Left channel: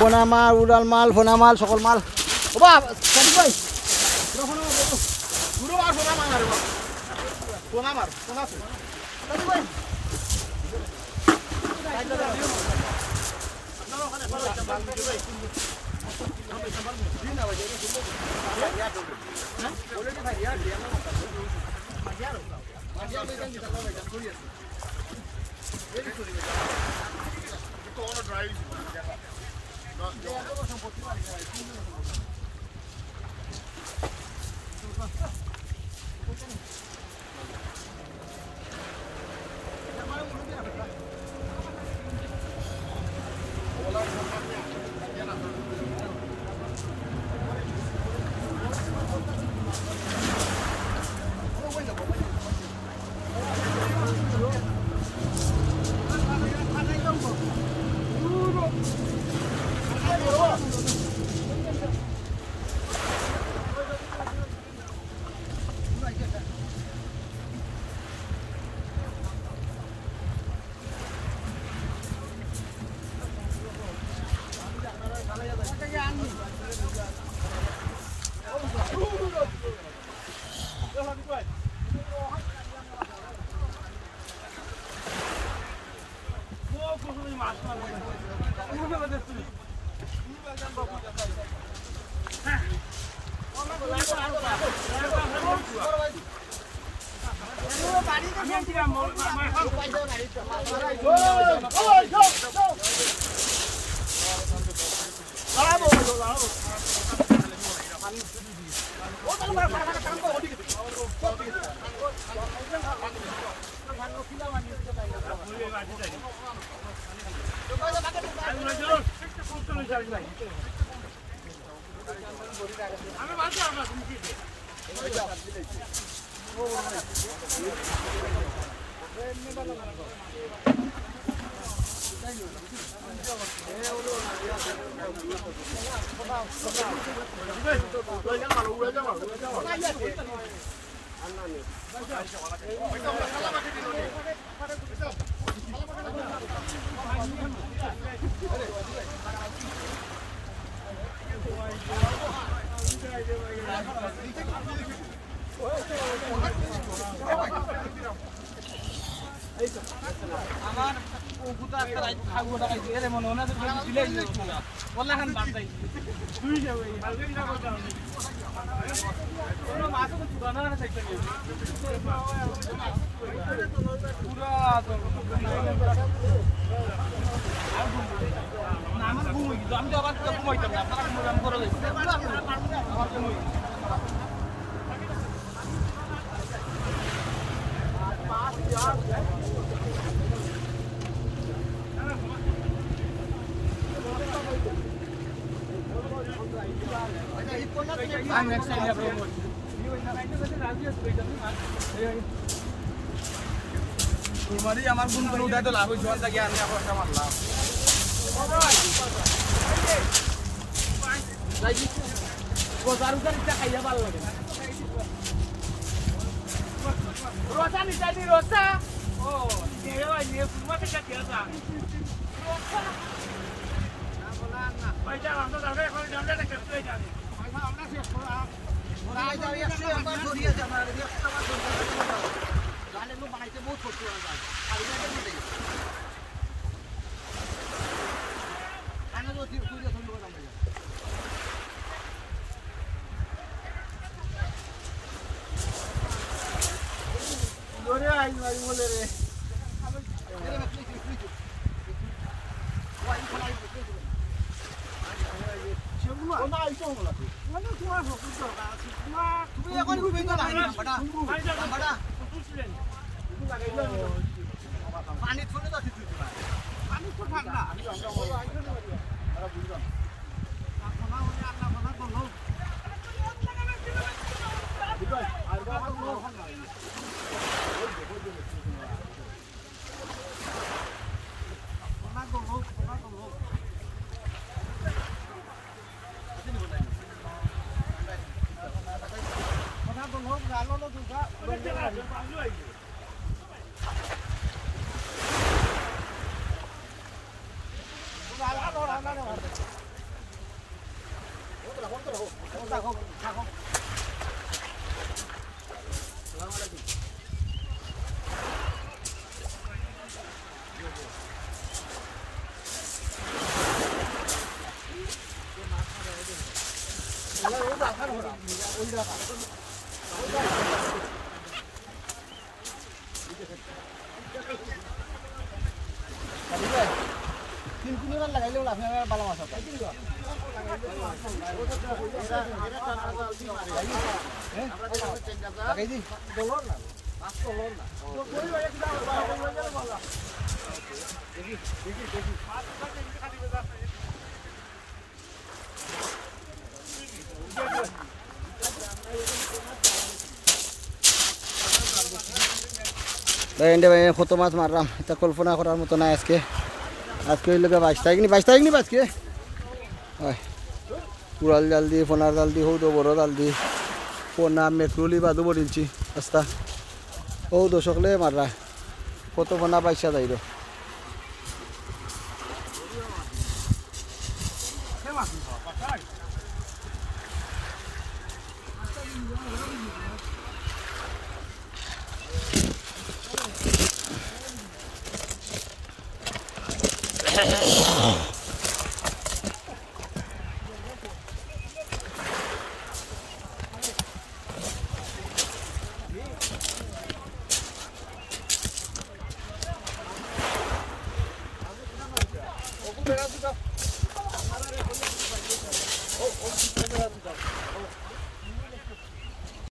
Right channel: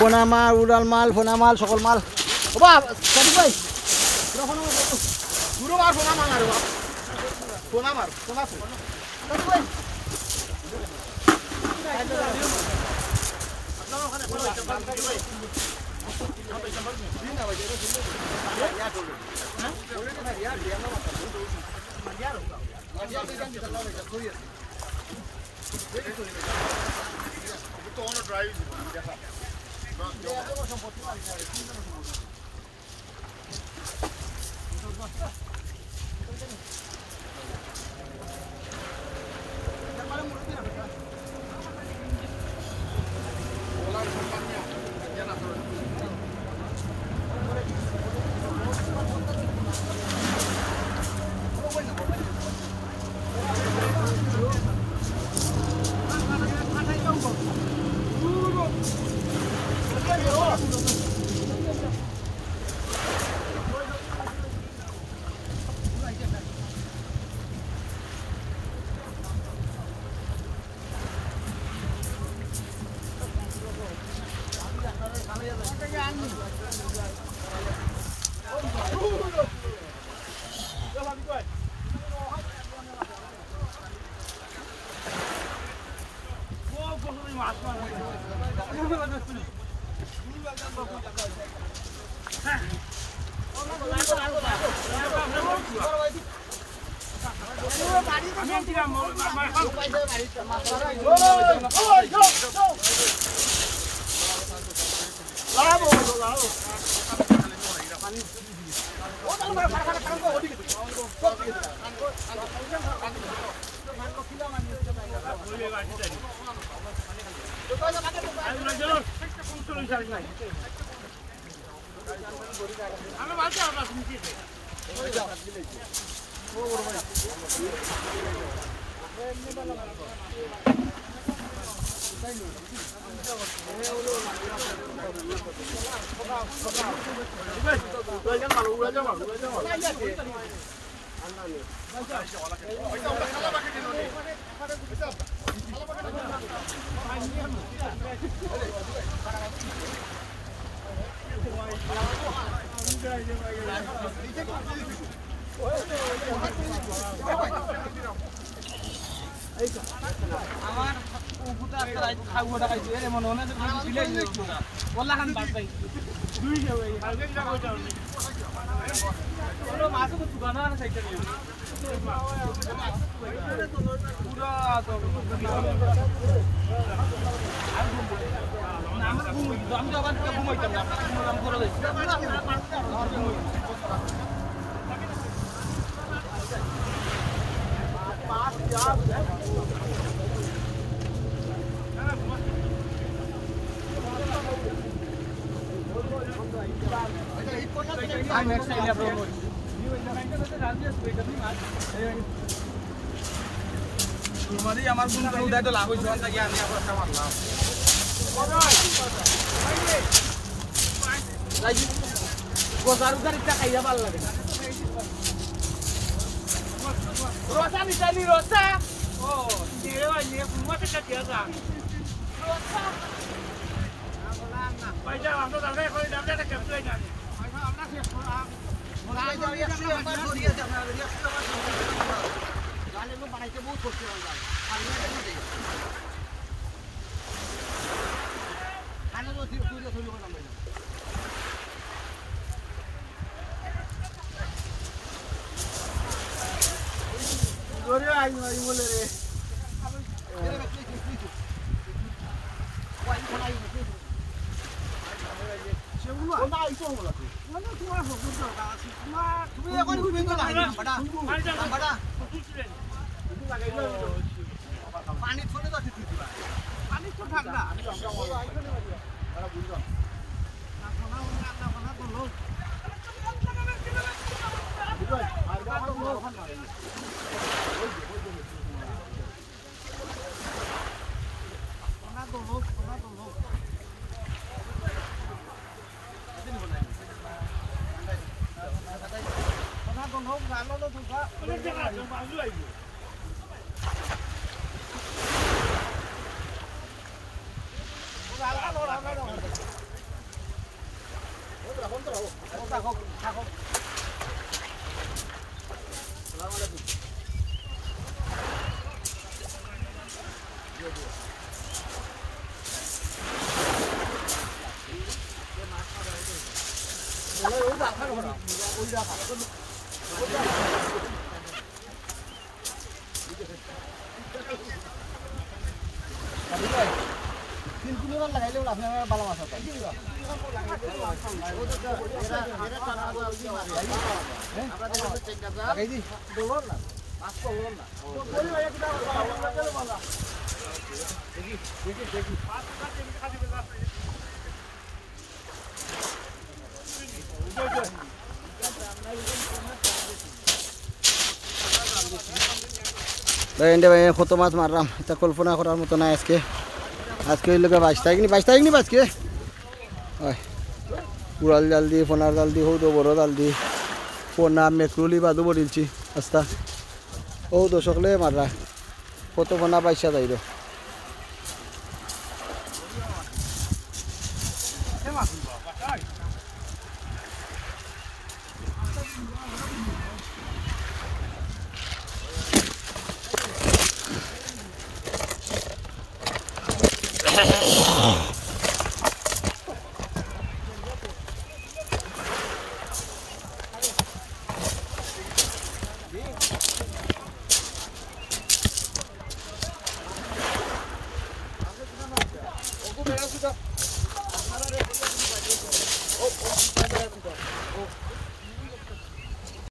পোনা মাল উড়াল মাল ফোনা মাল সকল মাল ওবা সাদি ভাই পুরো মার ফোনা মার আরে বাপ ফোনা মার ফোনা তো সাদি ভাই কাইলা আপনারা ওখানে ভালো একটা মাল দিতে ভাই हम एक नंबर दिन आ गए भाई यार हैं क्वालिटी भाई यार दिया ना मतलब मजा होगा मजा बेगन की चला भाई थोड़ी है वेरी सॉरी तो वाला ड्राइव देखा ये तो संपत्ति वाली है तीन दिन संपत्ति हमारे मुझे ना बेटा तुम्हारी আমার গুণ করে উড়াই তো লাভ হইছে আর লাগি আমি আবার একটা মারলাম রাজি গোসার উসার ইচ্ছা খাইয়া ভালো লাগে রোসা নিছালি রোসা ও দেওয়া নিয়ে কুমতে কে দিয়াছা রোসা না বললাম না পয়সা আমরা দাঁড়ায় করে নামটা কেটে হই জানি পয়সা আমরা শেষ করা ওরা ভাই যাও 100 আমার ধরিয়েছে আমরা 100 আমার ধরিয়েছে জালে লোক বানাইতে বহুত কষ্ট হয় জাল আর এটা কেটে গেছে আনা তো তুই তো শুরু করলাম ভাই ওরে আই বলে রে এরে বাকি তুই ওই কোন আই তুই সেগুলো না আইছো বলা তুই মানে তোমার ফকুর তো না তুমি এখন কই বেঙ্গল লাগে নাম্বারটা পানি থলে তো তুই দিবা পানি তো ঠান্ডা আমি বুঝলাম আপনা হলে আপনা তো লোক বিকজ আর গা তো লোক হয় ওনা তো লোক আসেনি বলাই ওনা তো লোক ভালো লোক দুটা বাংলো আইবে ও ভালো কত মাছ মারলাম এটা কল্পনা করার মতো না আজকে আজকে হইল 22 তারিখ নি 22 তারিখ নি আজকে উড়াল জাল দিয়ে ফোনার জাল দিয়ে হৌদ বড় জাল দিয়ে ফোনা মেট্রোলি বাদু বড়িলছি আস্তা ও দর্শকলে মাররা কত ফোনা পয়সা যাইল